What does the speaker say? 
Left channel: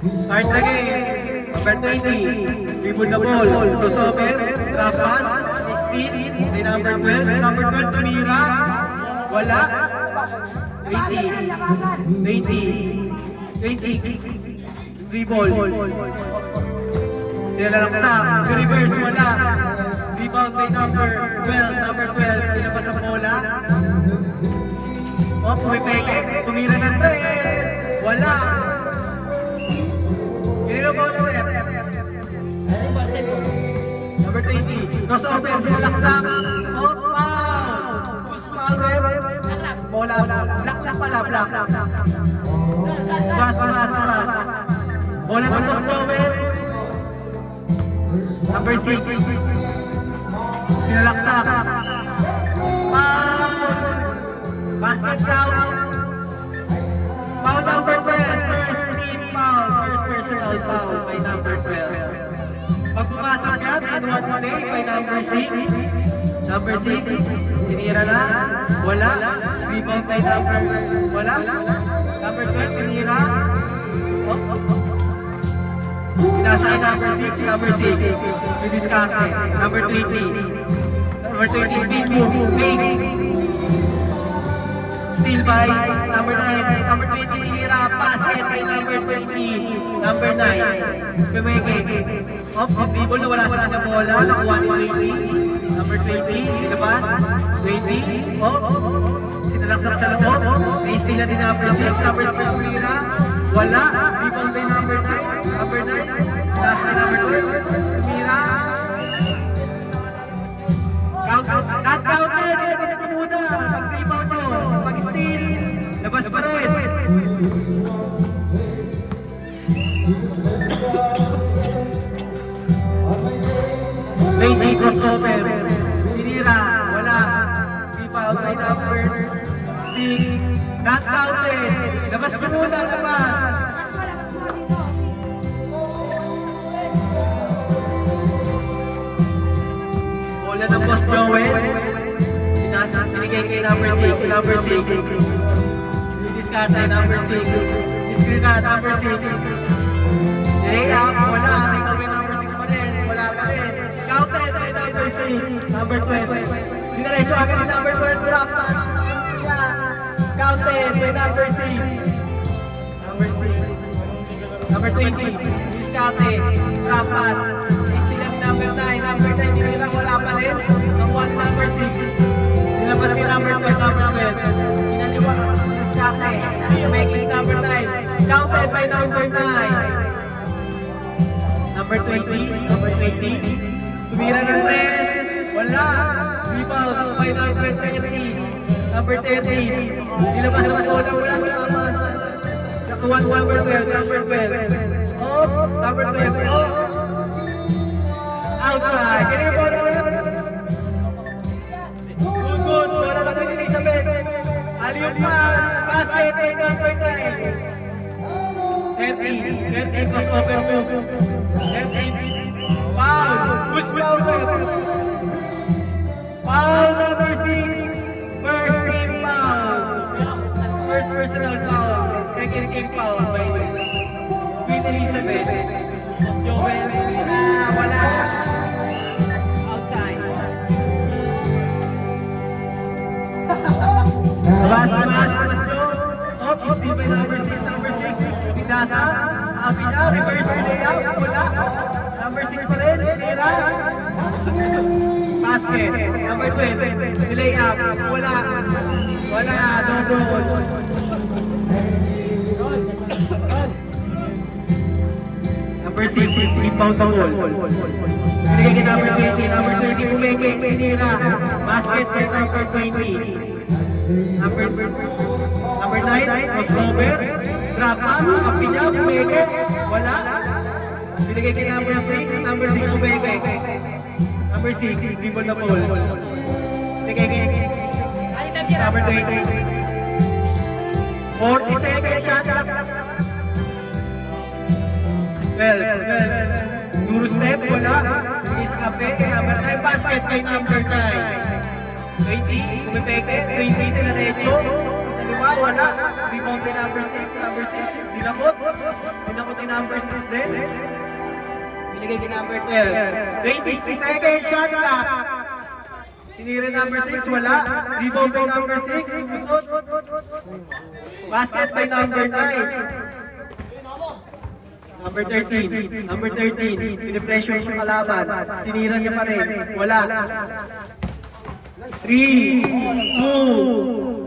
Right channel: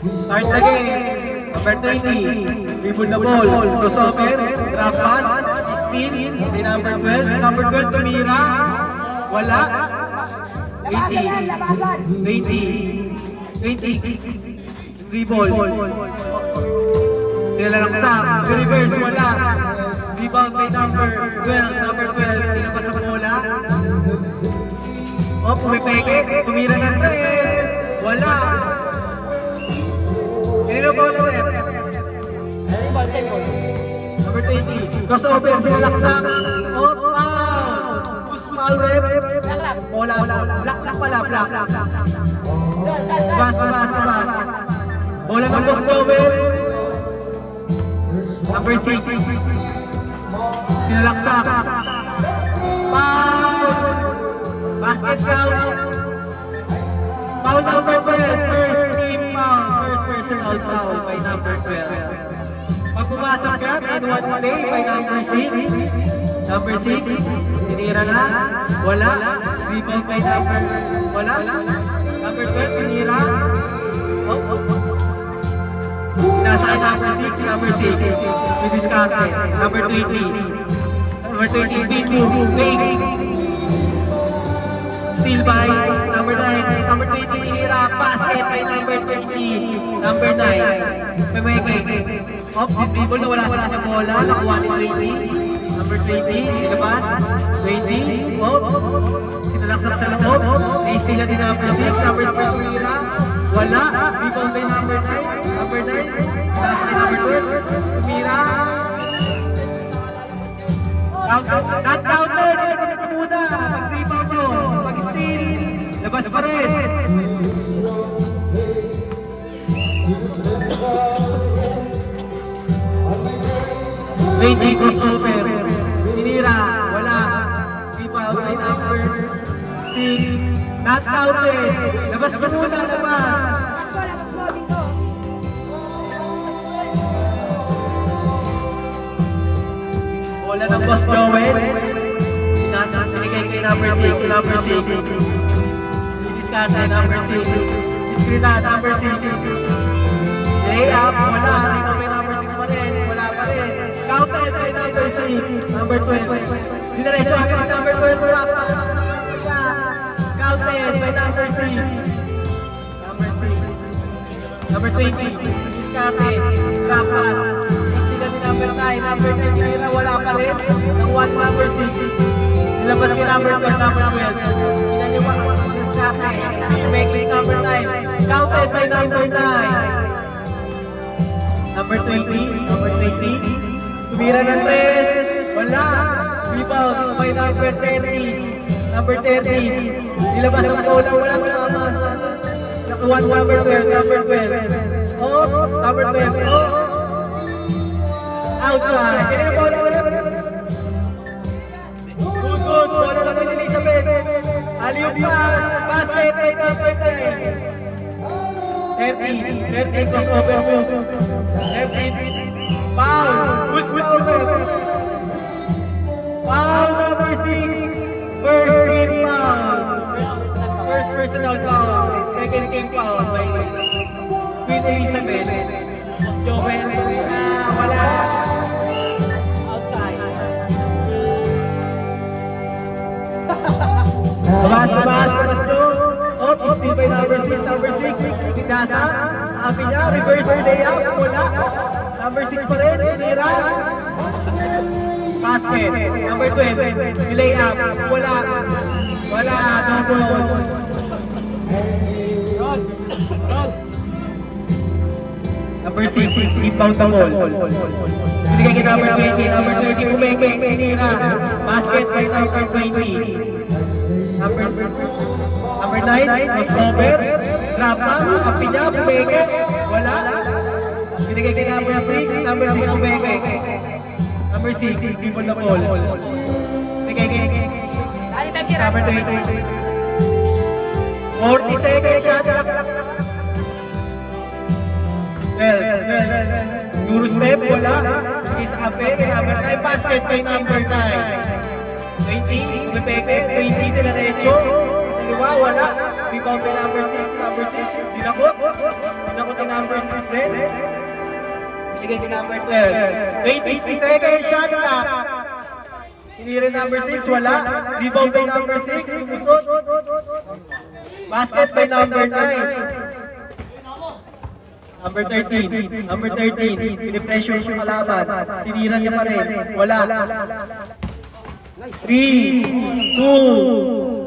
Start again. Number 20. Reboot the ball. Crossover. Drop pass. Steal. Then number 12. Number 12, tumira. Wala. 20. 20. Free ball. Nilalaksak. Reverse. Wala. Rebound by number 12. Number 12. Tinabas ang bola. O, pumipeke. Tumira ng 3. Wala. Ganito pa ulit. Number 20. Crossover. Sinalaksak. O, foul. Who's foul, ref? Bola. Black pala. Black. Mas. Bola ng Crossover. Number 6. Sinalaksak. Foul. Basket count. Foul number 12. First team foul. First personal foul by number 12. Pag pumasok ka, 10-1 play by number 6. Number 6. Tinira na. Wala. Rebound by number. Wala. Number 12. Tinira. Nasa number 6. Number 6. With his contact. Number 20. Number 20. Speed move. Fake. Steal by number 9. Number 20. Tinira. Basket by number 20. Number 9. Pumeke. Off, dribble na wala sa kanyang bola. Nakuha ni 20. Number 20. Sinabas. 20. Off. Sinalaksak sa loob. Na-steal na din number 6. Number 6. Tinira. Wala. Rebound by number 9. Number 9. Basket number 12. Tumira. Not counted. Ilabas ko muna. Pag-rebound nyo. Pag-steal. Labas pa rin. Lady crossover. Tinira. Wala. Rebound by number 6. Not counted. Labas ko muna. Labas. Bola ng Boss Joel. Pinigay kay number 6. Number 6. Discard ay number 6. Screen na number 6. Layup. Wala. Tingnan may number 6 pa rin. Wala pa rin. Counted by number 6. Number 12. Diniretso agad ni number 12. Wala pa. Counted by number 6. Number 6. Number 20. Discarded. Drop pass. Number 9, number 9, tinira, wala pa rin. Ang 1, number 6. Nilabas kay number 12, number 12. Kita nyo ba? Discarte. Becky, number 9. Counted by number 9. Number 20, number 20. Tumira ng 3. Wala. Rebound by number 30. Number 30. Nilabas ang bola, walang lakas. Nakuha number 12, number 12. Oh, number 12. Oh. Outside. Can you follow me? Good. Wala ka ni Elizabeth. Aliw pass. Basket. Number 10. 13 crossover move. 13. Foul. Who's foul? Foul number 6. First team foul. First personal foul. Second team foul by Queen Elizabeth. Joel. Wala. Tumas no. Off, steal by number 6, number 6. Pinasa. Api niya, reverse layup. Wala. Number 6 pa rin. Tinira. Basket. Number 12. Layup. Wala. Number 6. Rebound the ball. Binigay kay number 20. Number 30. Pumeke. Tinira. Basket by number 20. Number 9, crossover, drop pass, kapi niya, pumeke, wala. Binigay kay number 6, number 6, pumeke. Number 6, dribble na ball. Binigay kay number 20. 47 shot clock. Well, Guru step, wala. Isa kape, number 9, basket kay number 9. 20, Pumeke, 20, Dilarecho. Diba, wala. Rebound by number 6, number 6, 6. Dinakot. Dinakot yung number 6 din. Binigay kay number 12. 26 seconds shot ka. Tinira number 6, wala. Rebound by number 6, lumusot. Basket by number 9. Number 13. Number 13. Pinipressure yung kalaban. Tinira niya pa rin. Wala. 3, 2,